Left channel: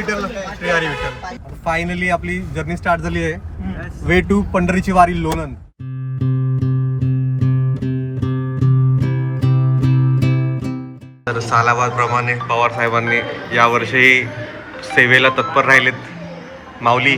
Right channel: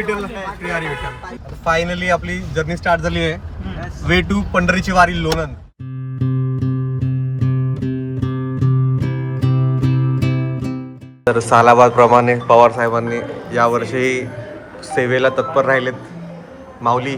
Vitthal Shri Hari Vitthal. Finally आपली journey start झाली आहे. वे टू पंढरीची वारी लोणंद. तर सालाबाद प्रमाणे पवार साहेबांनी यावर्षी सेवेला तत्पर राहिलेत. माऊली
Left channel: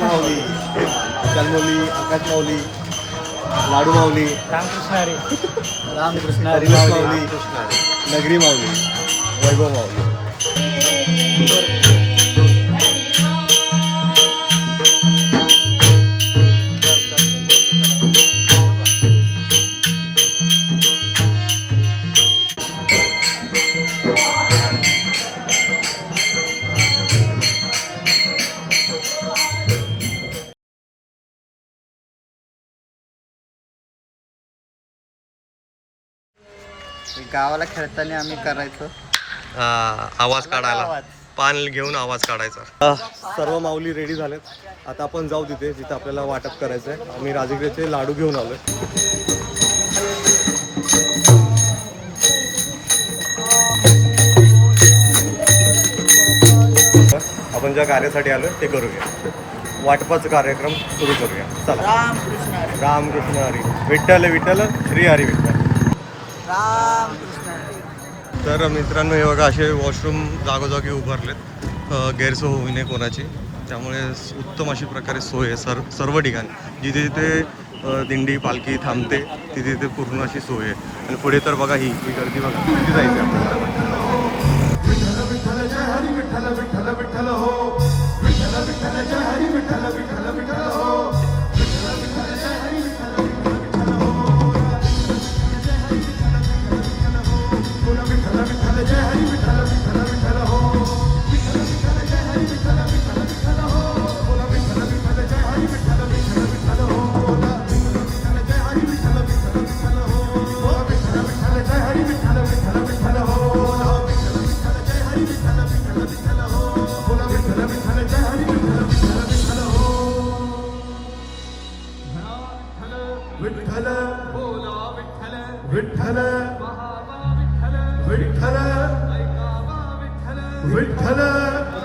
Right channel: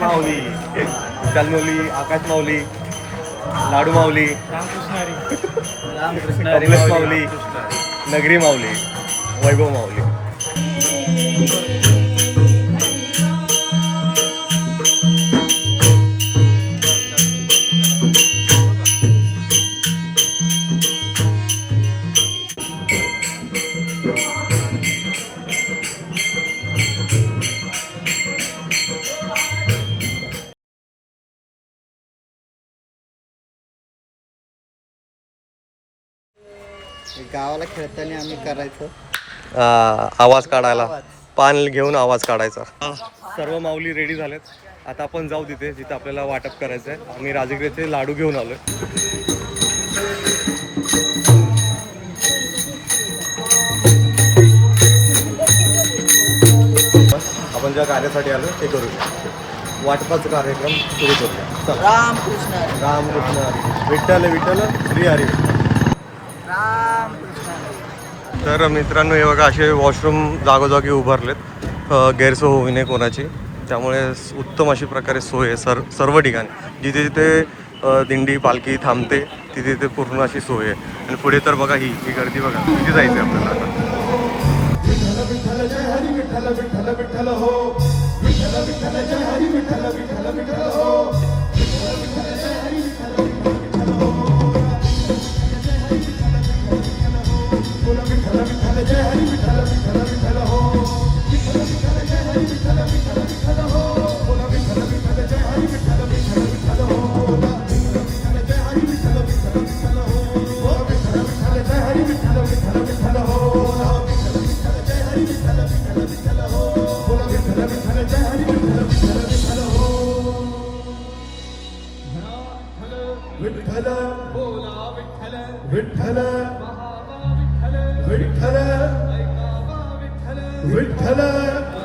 माऊली आकाश माऊली, लाडू माऊली, रामकृष्ण माऊली, नगरी माऊली, वैभव माऊली. गावाला खेळताना आम्ही करायचो आवाज काढायला, पान घेऊन आवाज काढायचा. सर्व माऊली रेडी झालेत. आता आपण जाऊ तिथे जिथे आपल्याला वाटप करायचं आहे. आम्ही राजगिरीचे लाडू घेऊन आलोय. आपण ज्या कार्यासाठी आलो ते करूया. वाटपाचा कार्यक्रम सुरू करूया. चला. रामकृष्ण रामकृष्ण हरी विठ्ठल विठ्ठल श्री हरी विठ्ठल. रामकृष्ण. तर मित्रांनो, हे बघा असे वॉशरूम जागोजागी उभारलेत गैरसोय होऊ नये कोणाची. त्यामुळे उत्तम अशी प्रकारे सोय आहे सर्व ठिकाणी. जिथे जिथे दिंडी पालखी थांबते तिथे तिथे पूर्ण अशी सोय आहे. आणि पुढे तर बघा ही गर्दी बघा किती जायचं आहे आपल्याला.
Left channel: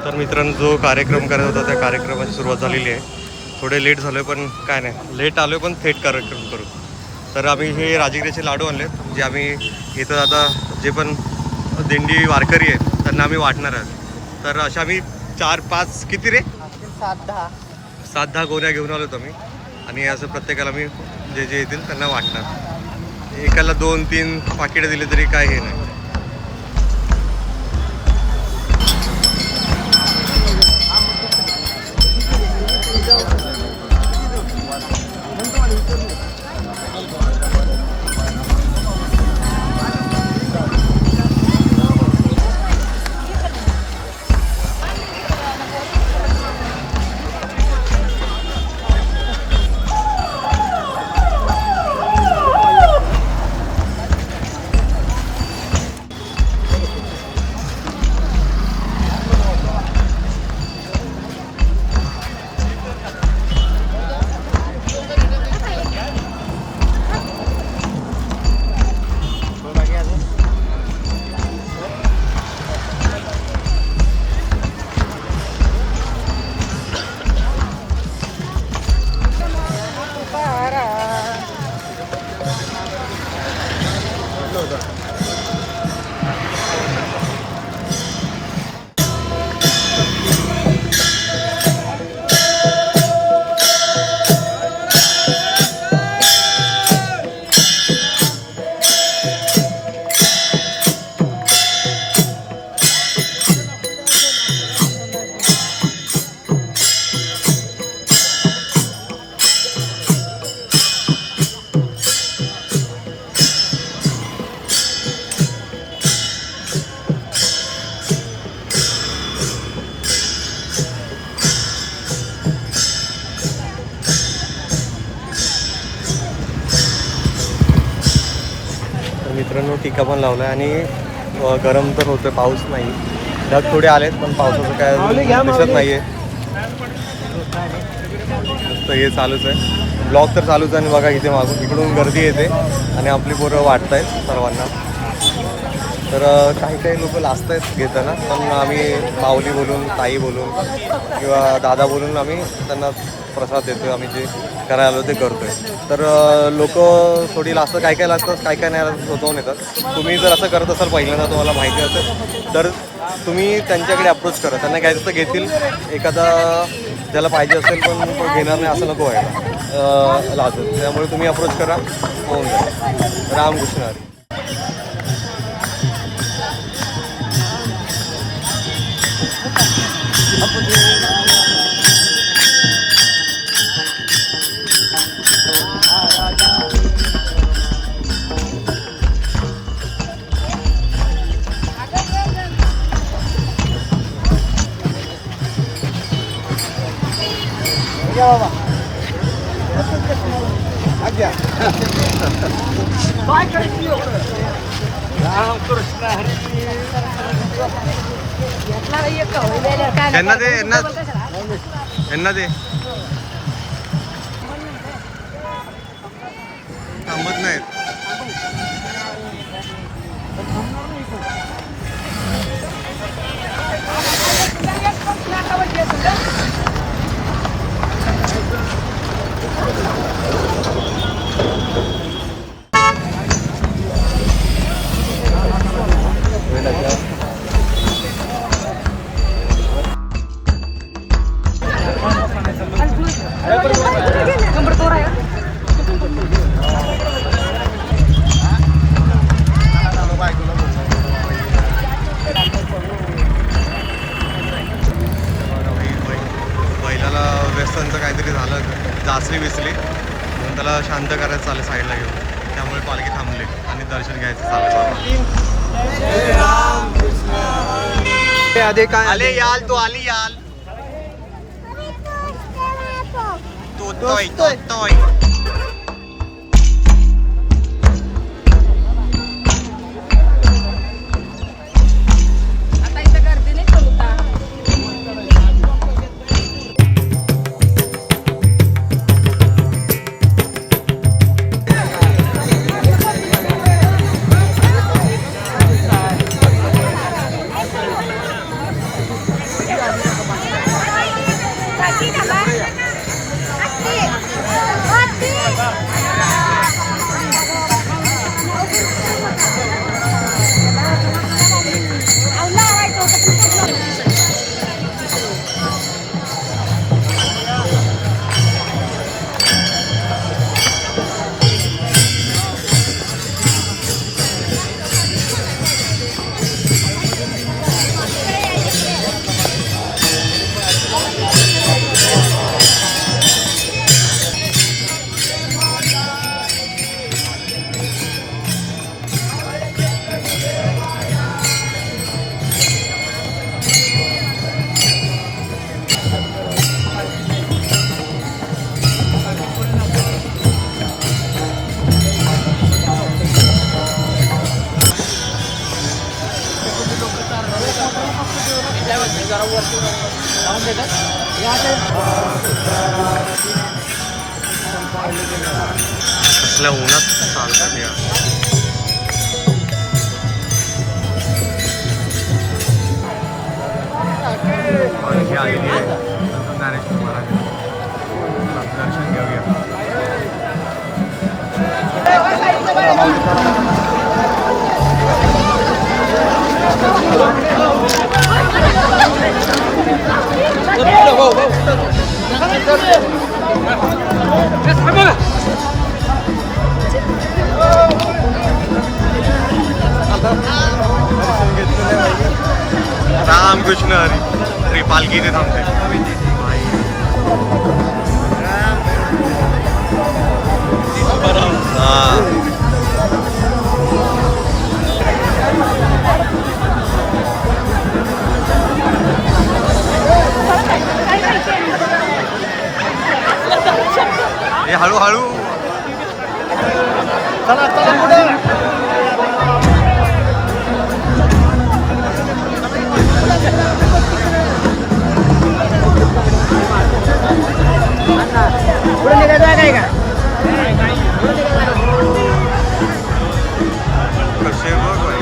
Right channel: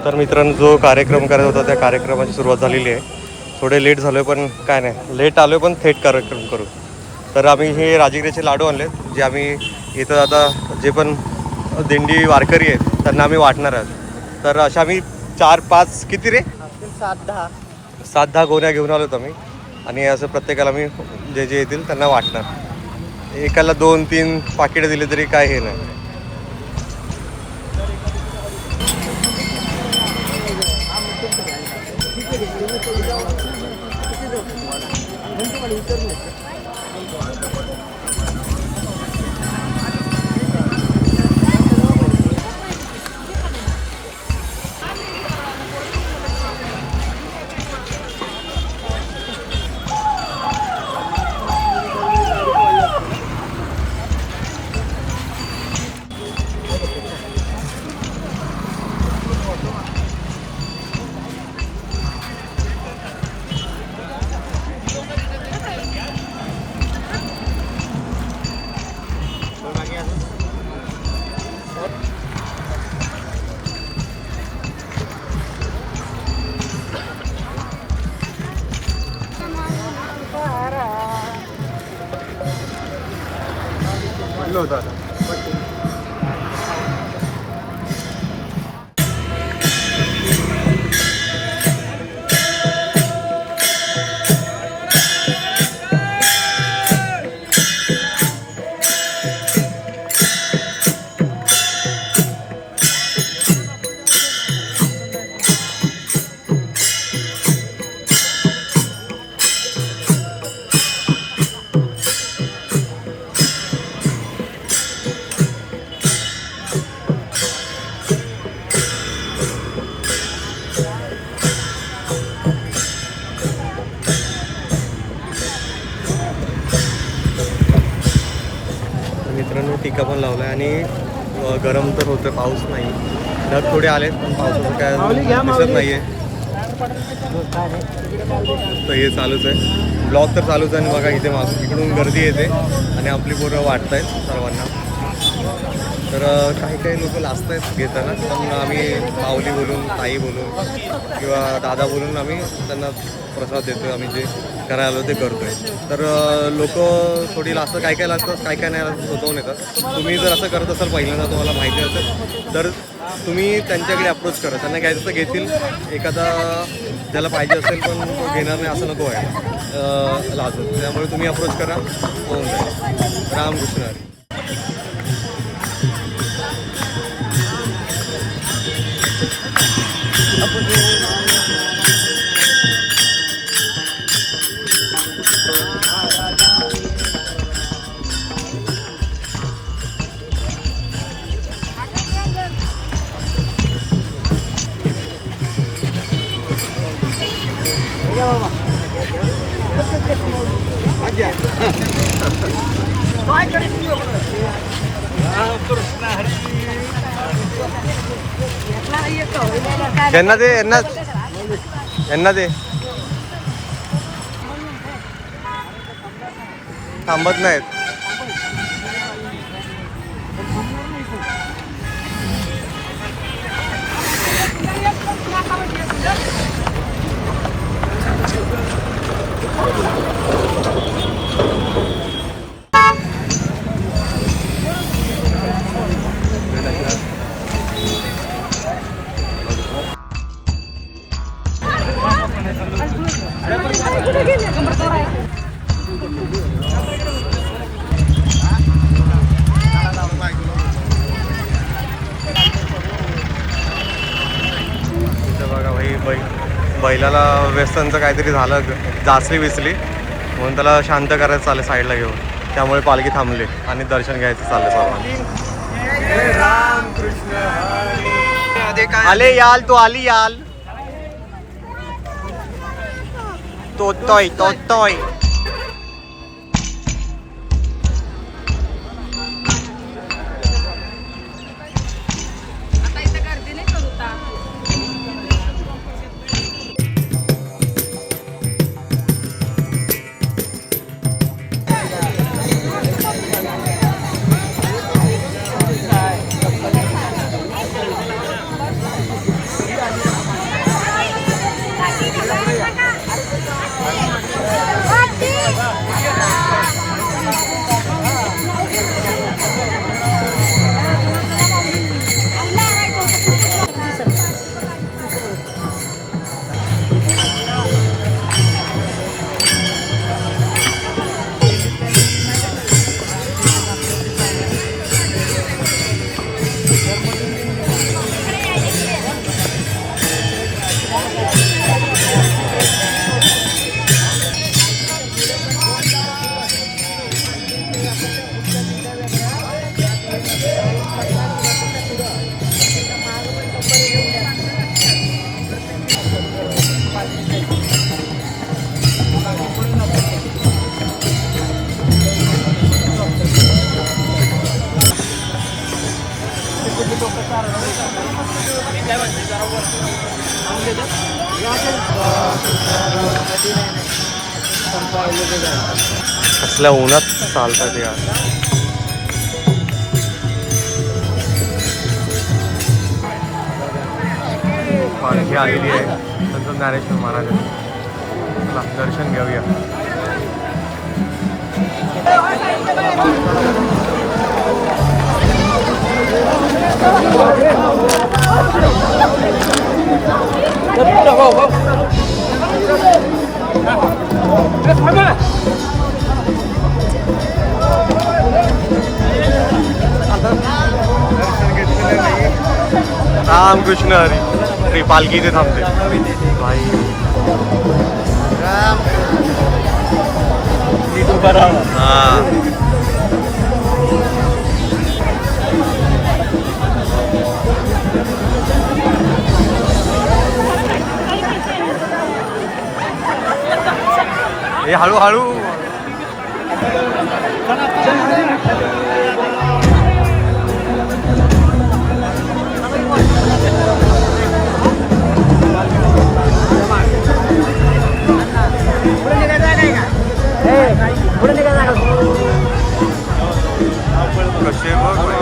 तर मित्रांनो, जो कार्यक्रम करायचा होता त्या कार्यक्रमाची सुरुवात झालेली आहे. थोडे लेट झालो पण काय नाही, लेट आलो पण थेट कार्यक्रम करू. तर आम्ही हे राजगिरीचे लाडू आणलेत, जे आम्ही इथं आता जे पण दिंडी वारकरी आहेत त्यांना आम्ही वाटणार आहोत. तर अशा आम्ही 4-5 किती रे 7-10 गोण्या घेऊन आलोत आम्ही. आणि असं प्रत्येकाला आम्ही जे जे येतील त्यांना वाटणार. एकाला 2-3 पाकिटं दिले तरी काय हे नाही. मित्रांनो, टीका पण लावला आहे आणि गरम तर होतं. पाऊस नाही, ढग थोडे आलेत पण पावसाचं काय दिसत नाही आहे. नुसतं हे चालूच आहे, ब्लॉग तर चालूच आहे. आणि बघा इथे मागून इकडून गर्दी येते आणि आपली पोरं वाटत आहेत सर्वांना. तर काही काही लोक लाजत आहेत घेताना, पण आम्ही माऊली बोलून, ताई बोलून किंवा दादा बोलून आम्ही त्यांना प्रसाद देतो. आम्ही जे करायला आलो ते करतो आहे. तर लोक थोडी लाजतात, काय काय लागतात, काय काय नाही स्वतःहून येतात. तुम्ही जर असं करत असाल पहिल्यांदा, तुम्हाला माहिती असेल तर तुम्ही त्यांच्याकडे अप्रोच करा. त्यांना घ्यायचं तर घेतील, एखादा ज्याला पाहिजे असेल पण तो घेणार नाही असं नको व्हायला लाजून. त्यामुळे तुम्ही अप्रोच करा, होऊन जाईल. रामकृष्ण हरी. यांना दे, यांना दे. थांबत नाहीत. बैलाला व्यसनचं काहीतरी झालं, जासली विसली, म्हणून त्याला शांत करायचं चालेल साईडला घेऊन. त्यामुळे पालखी थांबली आणि दर्शन घ्यायचं चाललं सर्व. आले याल, तो आली याल, तोतोय तोतोय. कसल्या उन्हात चालतात या. पालखी आलेली आहे संत ज्ञानेश्वर महाराज. दर्शन घेऊया. दर्शन घेतलेलं आहे भाई. रामकृष्ण हरी. श्री पालखी इथे थांबते भाई. हे हळूहळू. चला चला पुढे. कसे बघ भाई.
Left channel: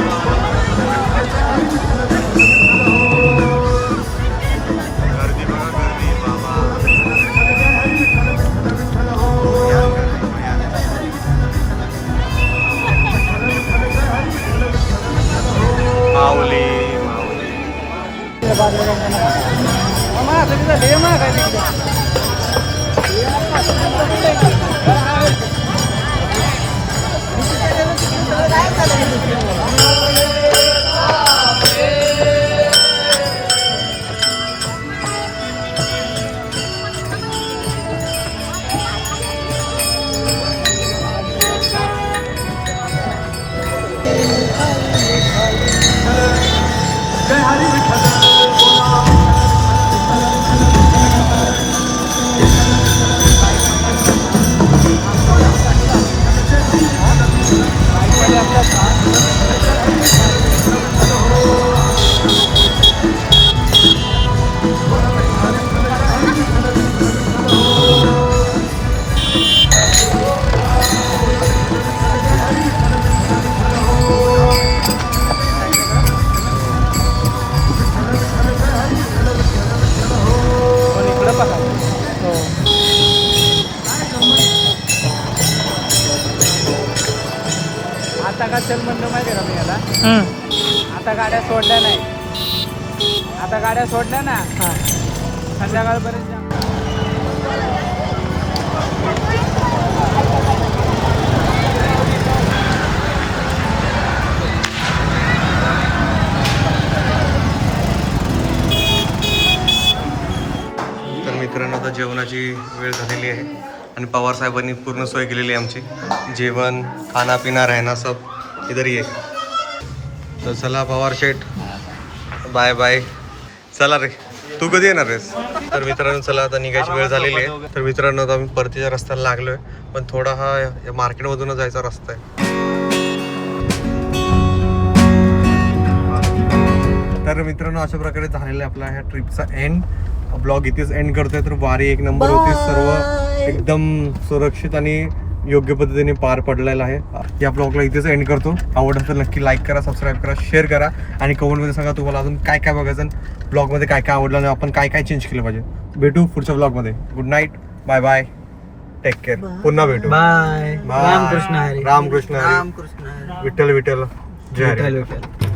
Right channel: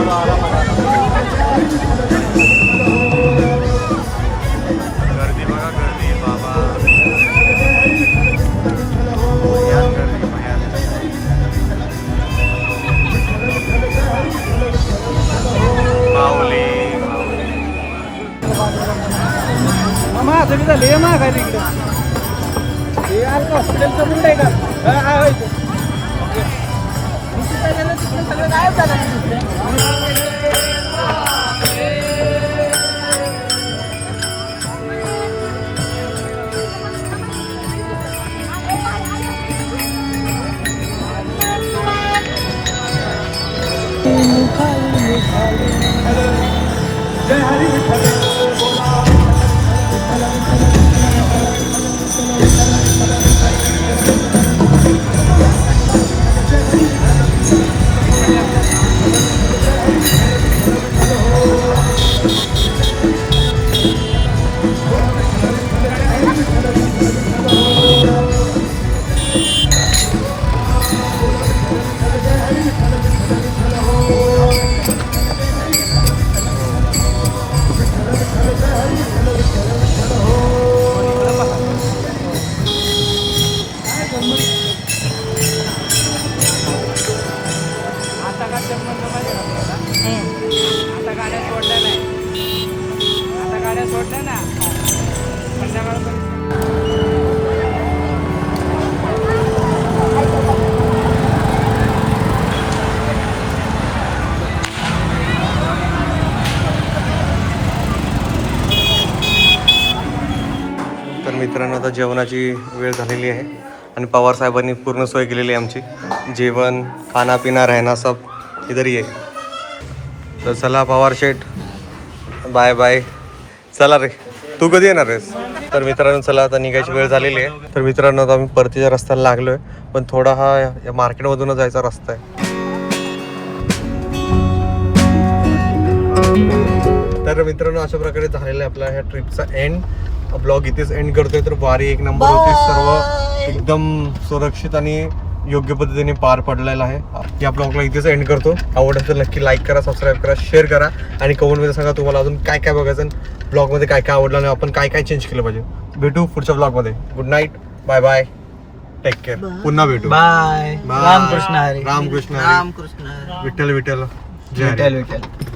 आता गाड्या सोडल्या नाही. आता गाड्या सोडल्या ना संध्याकाळपर्यंत. तर मित्रांनो आता जेवणाची वेळ झालेली आहे आणि पवार साहेबांनी पूर्ण सोय केलेली आहे आमची. जेवण खाना पिना रहना सब इधर ही आहे. तर चला पवार शेठ, बाय बाय. चला रे, तू कधी येणार आहेस? तर मित्रांनो चला आता निघायची वेळ झालेली आहे. तर मित्रांनो आता आम्ही परतीच्या रस्त्याला लागलोय, पण थोडा हा या मार्केटमधूनच जायचा रस्ता आहे. तर मित्रांनो अशा प्रकारे झालेला आहे आपला ह्या ट्रिपचा एंड. ब्लॉग इथेच एंड करतोय. तर वारी एक नंबर होती, सर्व एकदम सुरक्षित आणि योग्य पद्धतीने पार पडलेला आहे. या ब्लॉगला इथेच एंड करतो. आवडलं तर नक्की लाईक करा, सबस्क्राईब करा, शेअर करा आणि कमेंटमध्ये सांगा तुम्हाला अजून काय काय बघायचं, ब्लॉगमध्ये काय काय आवडलं आणि आपण काय काय चेंज केलं पाहिजे. भेटू पुढच्या ब्लॉगमध्ये. Good night, bye bye, take care. पुन्हा भेटू. बाय. बाय. रामकृष्ण हरी. रामकृष्ण हरी. रामकृष्ण हरी. विठ्ठल विठ्ठल, जय हरी. विठ्ठल विठ्ठल.